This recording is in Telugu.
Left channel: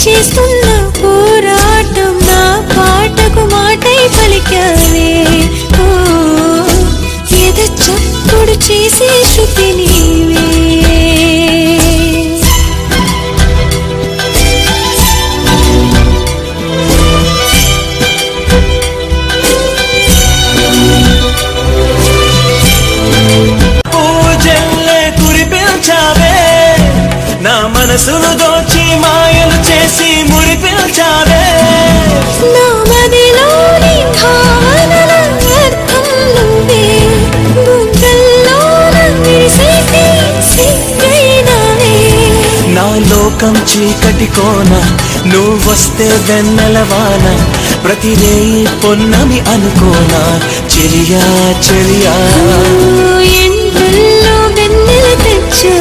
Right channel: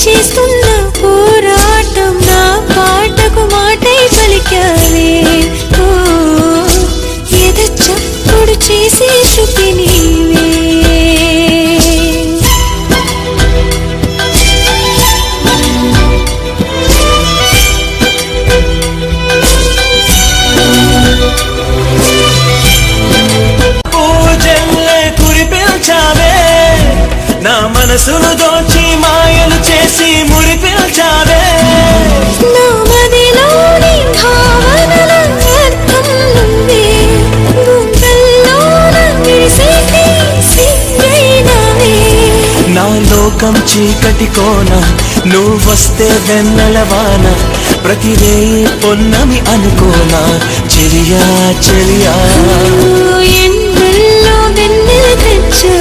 చేస్తున్న పోరాటం నా పాటకు మాటై పలికావే ఓ ఎద చప్పుడు చేసే శృతి నీవే పూజల్లే కురిపిల్చావే నా మనసును దోచి మాయలు చేసి మురిపిల్చావే నా మదిలోని భావనల అర్థం నువ్వే గుండెల్లోన విరిసేటి సిగ్గైనవే నా లోకం చీకటి కోన నువ్వొస్తే వెన్నెలవాన ప్రతి రేయి పొన్నమి అనుకోనా చెలియా చెలియా ఎండల్లో వెన్నెల తెచ్చా